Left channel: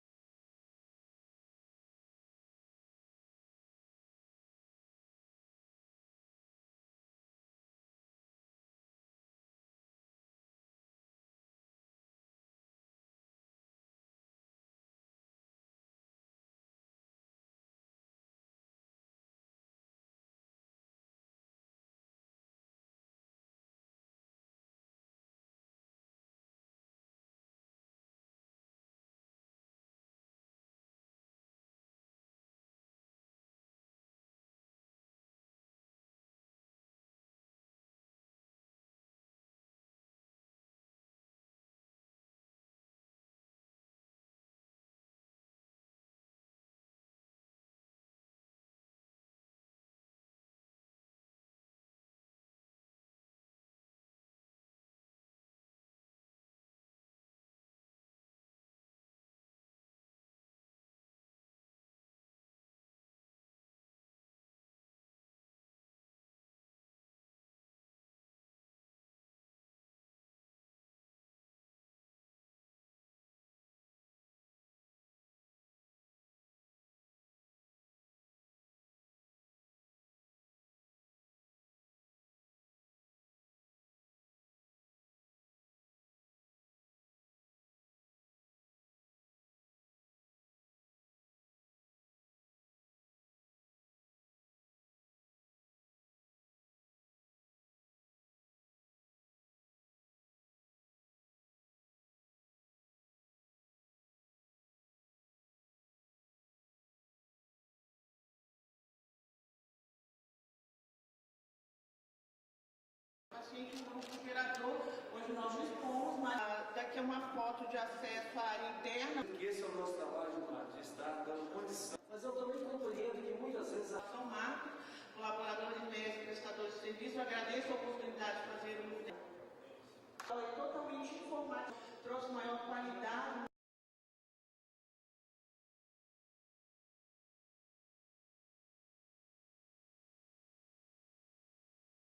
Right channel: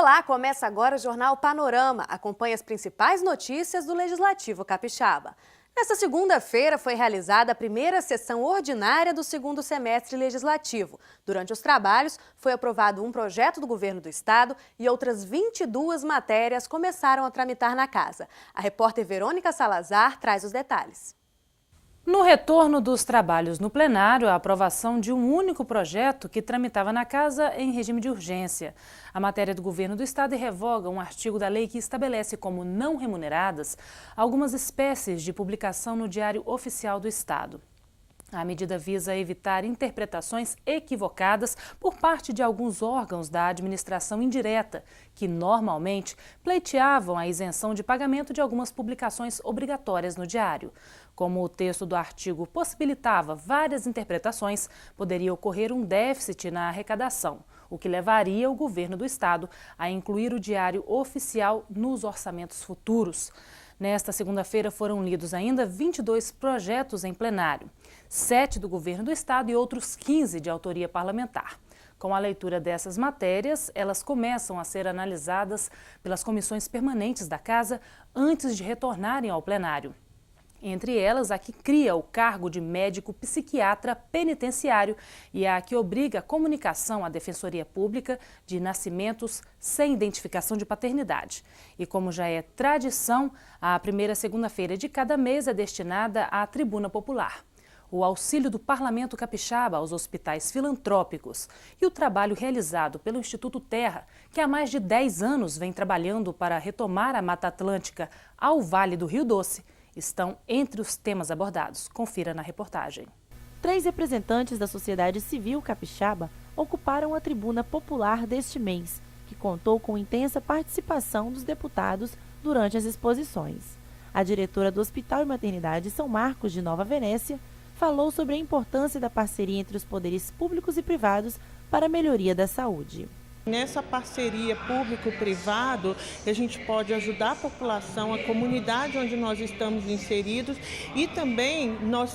Olá, começa agora o Jornal Panorama. Acompanhe as principais notícias do Legislativo Capixaba. Nesta segunda-feira foi realizada a primeira sessão ordinária do segundo semestre legislativo. Durante os trabalhos, foi aprovado um projeto do Governo do Estado e outras 22 matérias começaram a tramitar na casa. A repórter Verônica Salazar traz os detalhes. No retorno dos trabalhos no plenário, a aprovação de um único projeto que tramitava na casa em regime de urgência. A matéria do Governo do Estado revoga um artigo da lei que estabelece como não remuneradas algumas espécies de publicação no Diário Oficial do Estado. A medida visa evitar interpretações equivocadas por parte de alguns órgãos da administração indireta, que normalmente pleiteavam a isenção de pagamento de algumas publicações obrigatórias no diário. Como o texto do artigo possibilitava várias interpretações, poderia ocorrer um déficit na arrecadação, o que levaria o governo do estado a incluir o Diário Oficial nos orçamentos futuros. Nesta segunda-feira foram lidos ainda 22 projetos em plenário, 7 do governo do estado e outros 15 de autoria parlamentar. Com a leitura dessas matérias, elas começam a ser analisadas pelas comissões permanentes da Casa antes de retornarem ao plenário. Entre elas, a que cria o cargo de médico psiquiatra penitenciário e a que obriga a comunicação à Defensoria Pública de nascimentos sem identificação de paternidade. E como já é tradição, a primeira segunda-feira de cada mês é destinada à Tribuna Popular. O auxílio do Parlamento Capixaba aos hospitais filantrópicos e o trabalho realizado pelo Instituto Terra, que há mais de 10 anos vem trabalhando para retomar a Mata Atlântica ao Vale do Rio Doce, estão entre os temas abordados. Confira na reportagem. 3 representantes da sociedade civil capixaba ocuparam a tribuna popular deste mês, que contou com intensa participação dos deputados durante as exposições. A diretora do Hospital e Maternidade São Marcos de Nova Venécia falou sobre a importância da parceria entre os poderes públicos e privados para a melhoria da saúde. Nessa parceria público-privado, a gente pode ajudar a população, a comunidade onde nós estamos inseridos e também nós,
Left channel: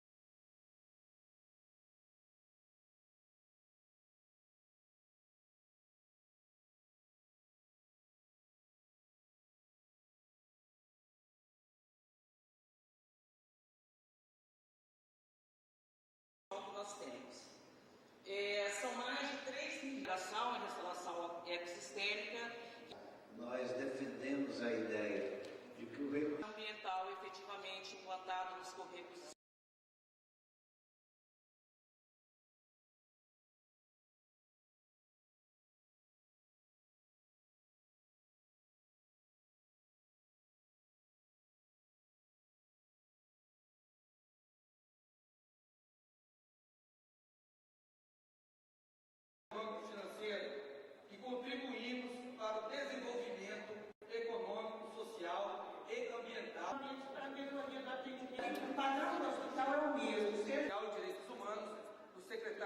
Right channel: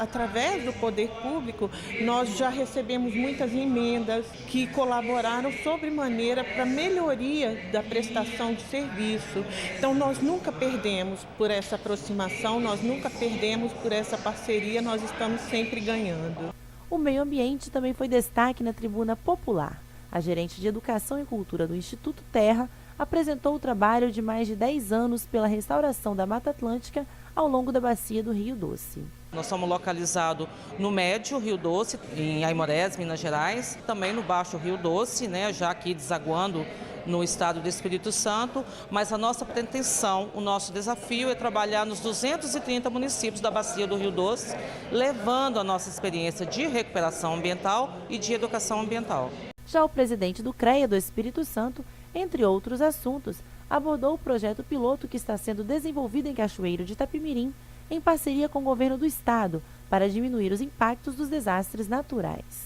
através do poder público, nós já recebemos muitas emendas que colaboraram sobremaneira para a melhoria da prestação de serviço. Então nós nunca perdemos por essa aproximação, nós nunca perdemos por essa parceria, nós estamos sempre ganhando. O meio ambiente também foi destaque na tribuna popular. A gerente de Educação e Cultura do Instituto Terra apresentou o trabalho de mais de 10 anos pela restauração da Mata Atlântica ao longo da bacia do Rio Doce. Nós somos localizados no médio Rio Doce, em Aimorés, Minas Gerais, também no baixo Rio Doce, já aqui desaguando no estado do Espírito Santo, mas a nossa pretensão, o nosso desafio é trabalhar nos 230 municípios da bacia do Rio Doce, levando a nossa experiência de recuperação ambiental e de educação ambiental. Já o presidente do CREA do Espírito Santo, entre outros assuntos, abordou o projeto piloto que está sendo desenvolvido em Cachoeiro de Itapimirim, em parceria com o governo do estado, para diminuir os impactos dos desastres naturais.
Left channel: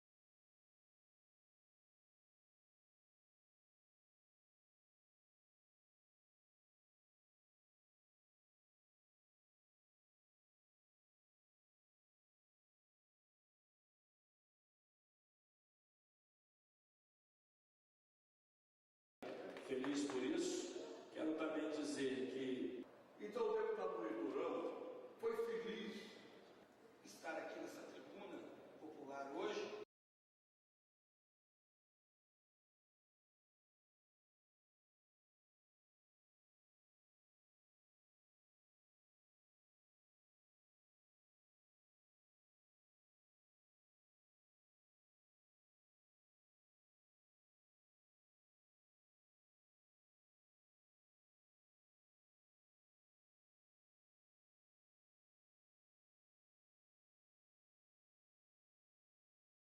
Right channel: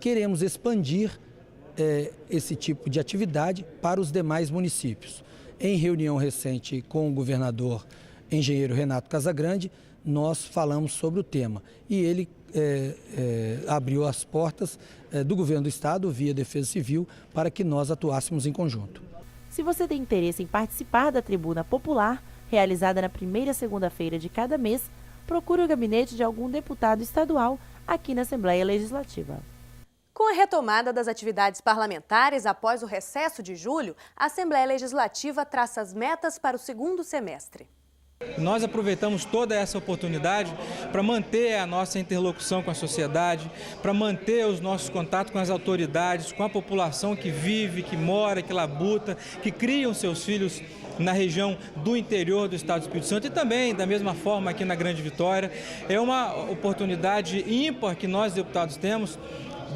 Queremos expandir esse tipo de atividade para os demais municípios. Em reunião recente com o governador engenheiro Renato Casagrande, nós falamos sobre o tema e ele abriu as portas do governo do estado via Defesa Civil para que nós atuássemos em conjunto. Se você tem interesse em participar da Tribuna Popular, realizada na primeira segunda-feira de cada mês, procure o gabinete de algum deputado estadual aqui na Assembleia Legislativa. Com a retomada das atividades parlamentares após o recesso de julho, a Assembleia Legislativa traça as metas para o segundo semestre. Nós aproveitamos toda essa oportunidade para manter a nossa interlocução com a sociedade, para manter os nossos contatos com as autoridades, com a população que vive, que mora, que labuta, que criam seus filhos na região do interior do estado do Espírito Santo e também, da mesma forma, aqui na Grande Vitória. É uma oportunidade ímpar que nós, deputados, temos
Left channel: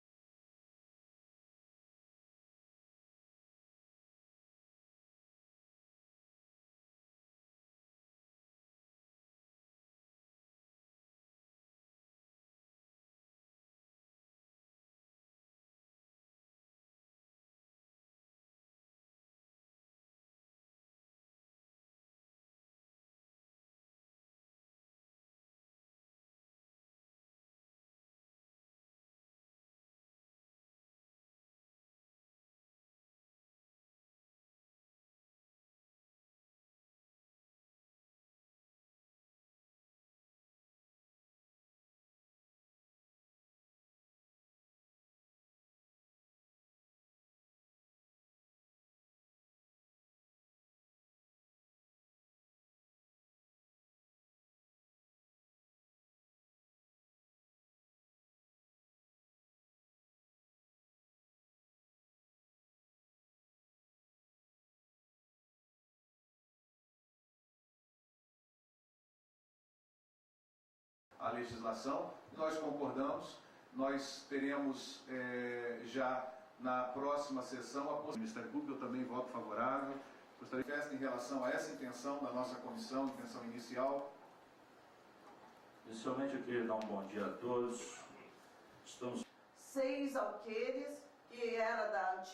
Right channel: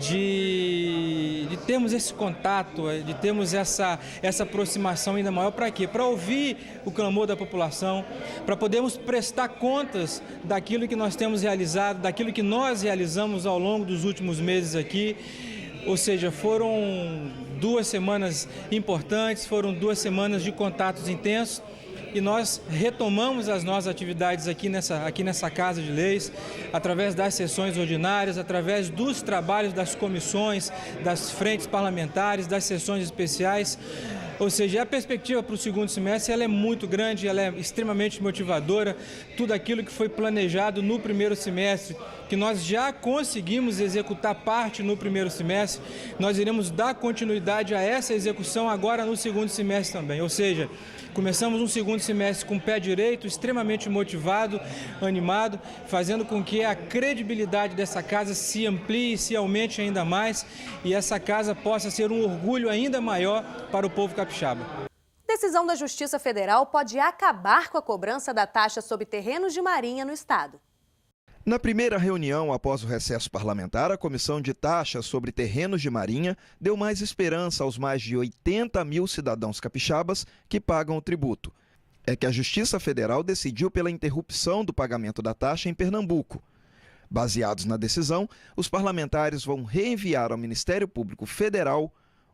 de termos esse contato, de termos essa aproximação ainda maior. Para quê? Para ouvir o clamor da população, para podermos prestar contas daquilo que nós temos realizado, daquilo que nós realizamos ao longo dos últimos meses aqui. Ou seja, foram 2 semanas importantes, foram 2 semanas de contatos intensos. E nós retomamos as nossas atividades aqui nessa Casa de Leis, através das sessões ordinárias, através dos trabalhos das comissões, das frentes parlamentares, das sessões especiais, Ou seja, a perspectiva para o segundo semestre ela é muito grande, ela é extremamente motivadora. Tudo aquilo que foi planejado no primeiro semestre, que nós já conseguimos executar parte no primeiro semestre, nós iremos dar continuidade a essa execução agora no segundo semestre também. Ou seja, começamos um segundo semestre com o pé direito, extremamente motivado, animado, fazendo com que a credibilidade dessa casa se amplie, se aumente ainda mais e essa casa possa ser um orgulho ainda maior para o povo capixaba. Decisão da Justiça Federal pode acabar com a cobrança da taxa sobre terrenos de marinha no estado. Na primeira reunião após o recesso parlamentar, a Comissão de Taxas sobre Terrenos de Marinha deu mais esperança aos mais de 80 mil cidadãos capixabas que pagam o tributo. É que a Justiça Federal decidiu pela interrupção do pagamento da taxa em Pernambuco. Baseados na decisão, os parlamentares vão reenviar ao Ministério Público Federal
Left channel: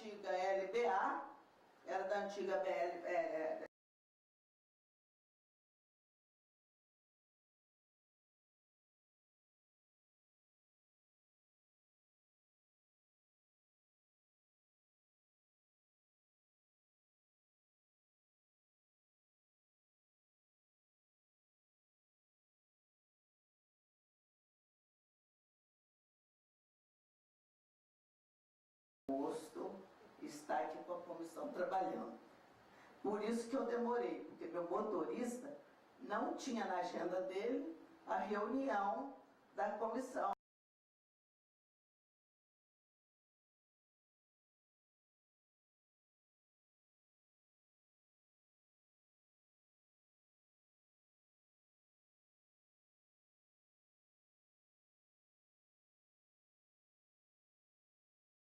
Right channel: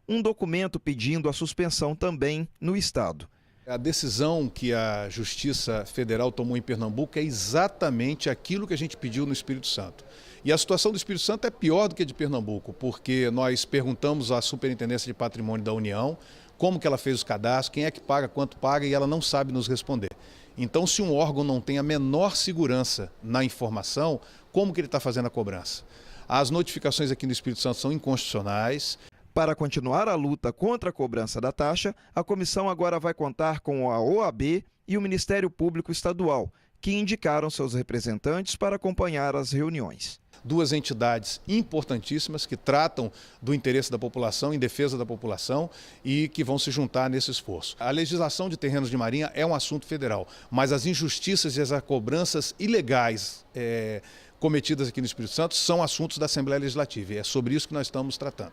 um documento pedindo a suspensão também no estado. A decisão que a Justiça Federal tomou em Pernambuco é exatamente aquilo que a gente pediu no Espírito Santo. E a situação do Espírito Santo é pior do que a de Pernambuco, porque nós perguntamos à Superintendência de Patrimônio da União como que ela fez os cadastros, quem é que paga, quanto paga, e ela não sabe nos responder. Então, se um órgão não tem a menor segurança na informação, como que ele está fazendo a cobrança? As notificações aqui no Espírito Santo são inconstitucionais. Para continuar a luta contra a cobrança da taxa, a comissão agora vai contar com a OAB e o Ministério Público Estadual, que indicaram seus representantes para acompanhar as reuniões. Duas entidades importantíssimas que tratam do interesse da população, em defesa da população e que vão se juntar nesse esforço. A legislação de terrenos de marinha é um assunto federal, mas as injustiças e as cobranças ilegais cometidas aqui no Espírito Santo são assuntos da Assembleia Legislativa e é sobre isso que nós estamos tratando.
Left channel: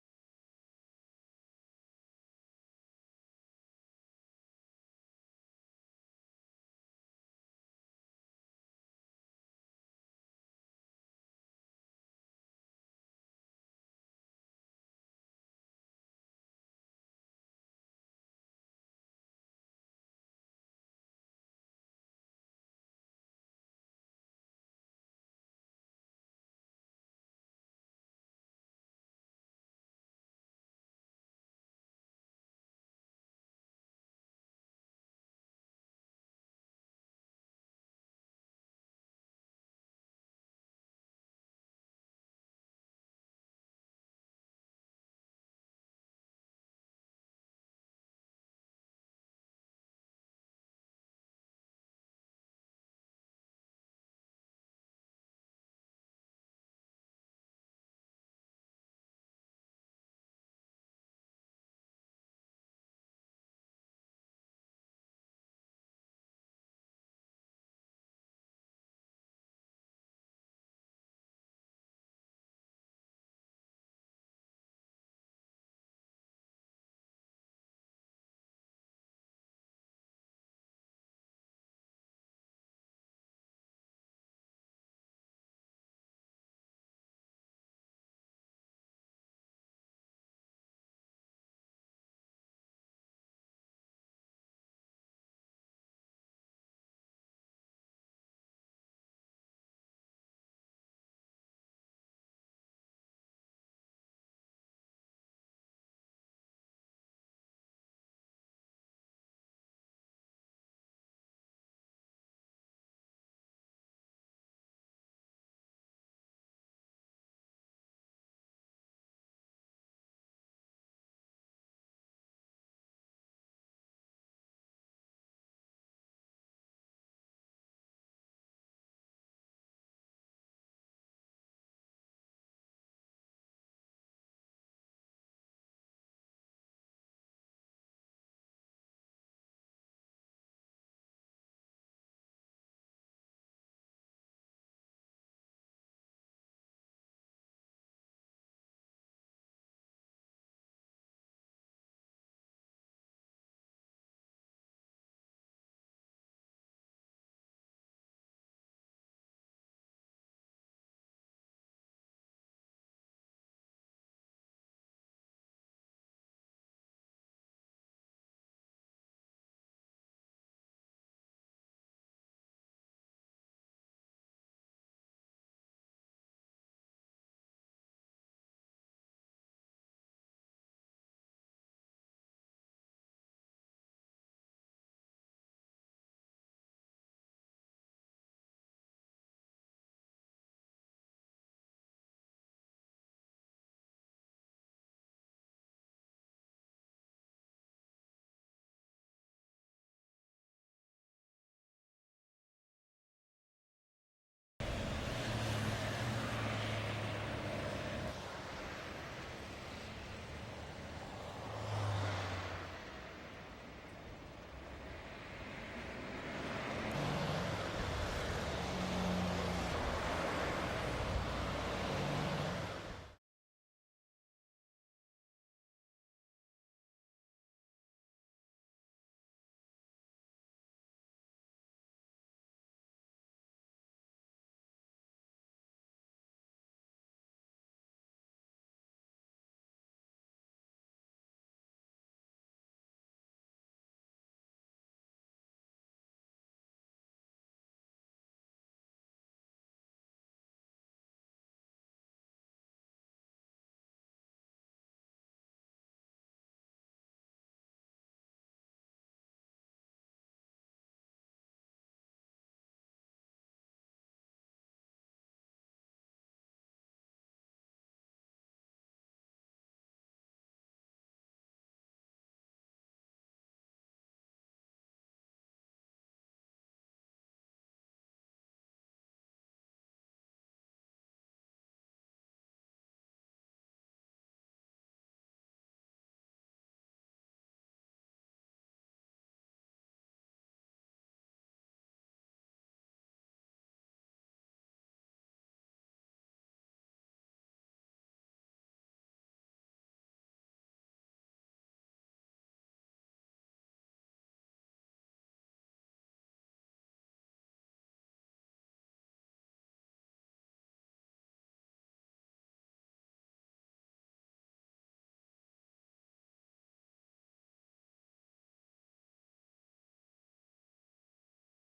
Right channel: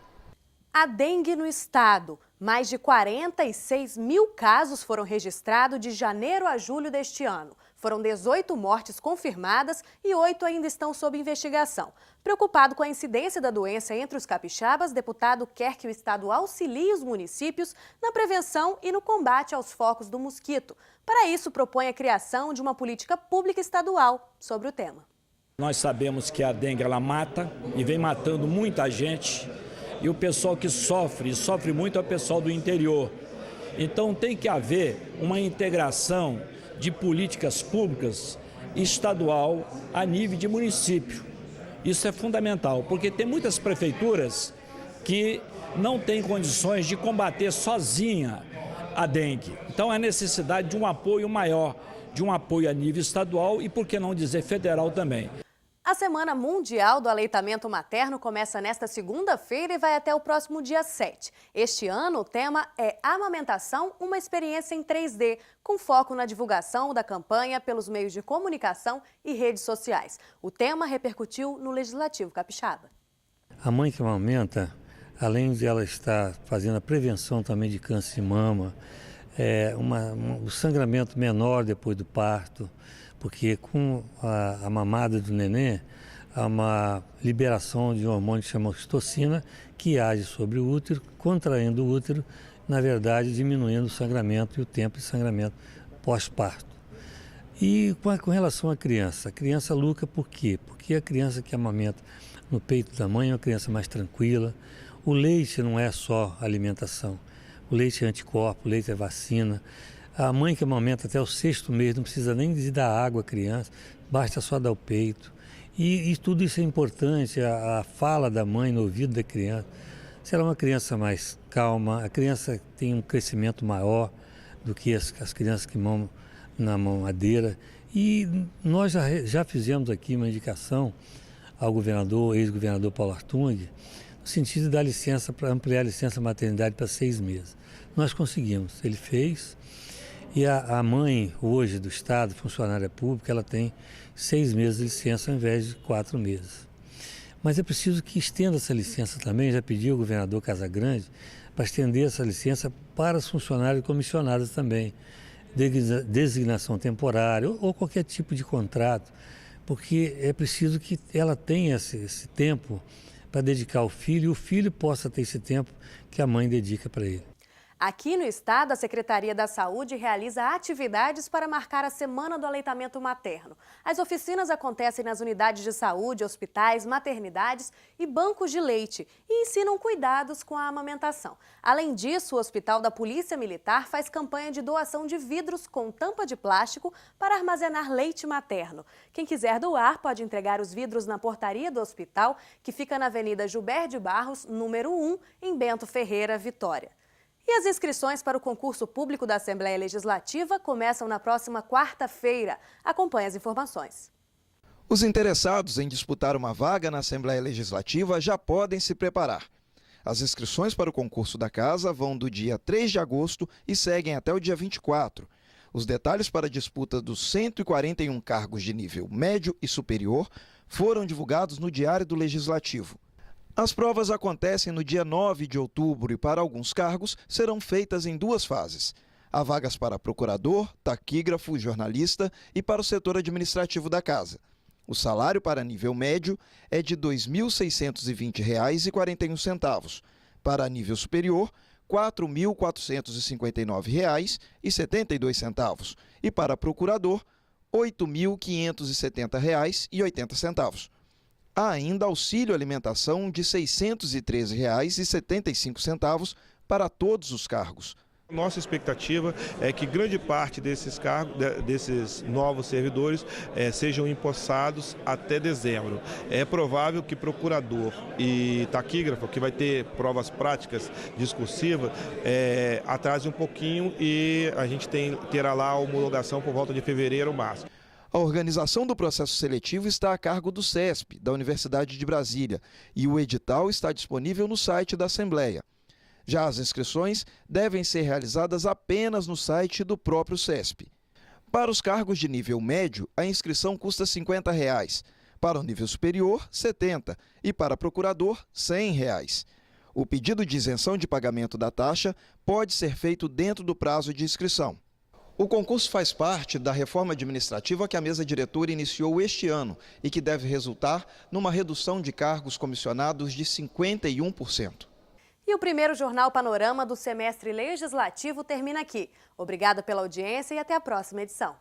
A dengue no estado. Mais de 46 mil casos foram registrados de janeiro a julho deste ano. Foram 18 mortes confirmadas e 8 ainda estão sob investigação. Preocupado com a incidência da doença entre os capixabas, deputado quer que o estado auxilie os municípios na prevenção e no combate aos focos do mosquito. Para isso, propõe a criação de uma política pública estadual sobre o tema. Nós sabemos que a dengue ela mata e vem matando muita gente. E o pessoal que sofre muito é o pessoal do interior. Então tem que haver uma integração de políticas públicas estadual a nível de município. Isso é fundamental, porque tem muitas prefeituras que não têm condições de combater sozinha a dengue. Então há necessidade de um apoio maior, de um apoio a nível estadual e, por que não dizer, federal também. A Semana Mundial do Aleitamento Materno começa nesta segunda-feira e vai até o próximo dia 7. Este ano, o tema é Amamentação, uma experiência em 3D, com foco na divulgação da campanha pelos meios de comunicação e redes sociais. O tema repercutiu no Legislativo Capixaba. A mãe que amamenta, além de ela estar fazendo a prevenção também de câncer de mama, o sangramento menor depois do parto, porque com a mamada do neném, há uma liberação de um hormônio que chama oxitocina, que age sobre o útero, contraindo o útero, na verdade diminuindo o sangramento e o tempo de sangramento pós-parto. E com relação à criança luta por quê? Porque a criança que amamenta no peito da mãe é uma criança mais tranquila. O leite não é só alimentação, o leite é anticorpo, o leite é vacina. A mãe que amamenta até o 6º mês não precisa nem de dar água à criança, basta só dar o peito. E tudo isso é importante, a fala da mãe no ouvido da criança. Se ela é uma criança mais calma, a criança tem um crescimento maior do que as crianças que mamam na mamadeira. E nós já fizemos aqui uma indicação ao governador, ex-governador Paulo Artung, no sentido de dar licença para ampliar a licença maternidade para 6 meses. Nós conseguimos, ele fez. E a mãe, hoje, do Estado, funcionária pública, ela tem 6 meses de licença ao invés de 4 meses. Mas é preciso que estenda essa licença também, já pediu o governador Casagrande, para estender essa licença para os funcionários comissionados também, designação temporária ou qualquer tipo de contrato, porque é preciso que ela tenha esse tempo para dedicar ao filho e o filho possa ter esse tempo que a mãe dedica para ele. Aqui no estado, a Secretaria da Saúde realiza atividades para marcar a Semana do Aleitamento Materno. As oficinas acontecem nas unidades de saúde, hospitais, maternidades e bancos de leite e ensinam cuidados com a amamentação. Além disso, o Hospital da Polícia Militar faz campanha de doação de vidros com tampa de plástico para armazenar leite materno. Quem quiser doar pode entregar os vidros na portaria do hospital, que fica na Avenida Gilberto de Barros, número 1, em Bento Ferreira, Vitória. E as inscrições para o concurso público da Assembleia Legislativa começam na próxima quarta-feira. Acompanhe as informações. Os interessados em disputar uma vaga na Assembleia Legislativa já podem se preparar. As inscrições para o concurso da Casa vão do dia 3 de agosto e seguem até o dia 24. Os detalhes para a disputa dos 141 cargos de nível médio e superior foram divulgados no Diário do Legislativo. As provas acontecem no dia 9 de outubro e, para alguns cargos, serão feitas em 2 fases. Há vagas para procurador, taquígrafo, jornalista e para o setor administrativo da Casa. O salário para nível médio é de R$ 2.620,41. Para nível superior, R$ 4.459,72. E para procurador, R$ 8.570,80. Há ainda auxílio alimentação de R$ 613,75 para todos os cargos. Nossa expectativa é que grande parte desses cargos, desses novos servidores, sejam empossados até dezembro. É provável que procurador e taquígrafo, que vai ter provas práticas discursivas, atrase um pouquinho e a gente terá lá a homologação por volta de fevereiro ou março. A organização do processo seletivo está a cargo do CESP, da Universidade de Brasília, e o edital está disponível no site da Assembleia. Já as inscrições devem ser realizadas apenas no site do próprio CESP. Para os cargos de nível médio, a inscrição custa R$ 50. Para o nível superior, R$ 70. E para procurador, R$ 100. O pedido de isenção de pagamento da taxa pode ser feito dentro do prazo de inscrição. O concurso faz parte da reforma administrativa que a mesa diretora iniciou este ano e que deve resultar numa redução de cargos comissionados de 51%. E o primeiro Jornal Panorama do semestre legislativo termina aqui. Obrigada pela audiência e até a próxima edição.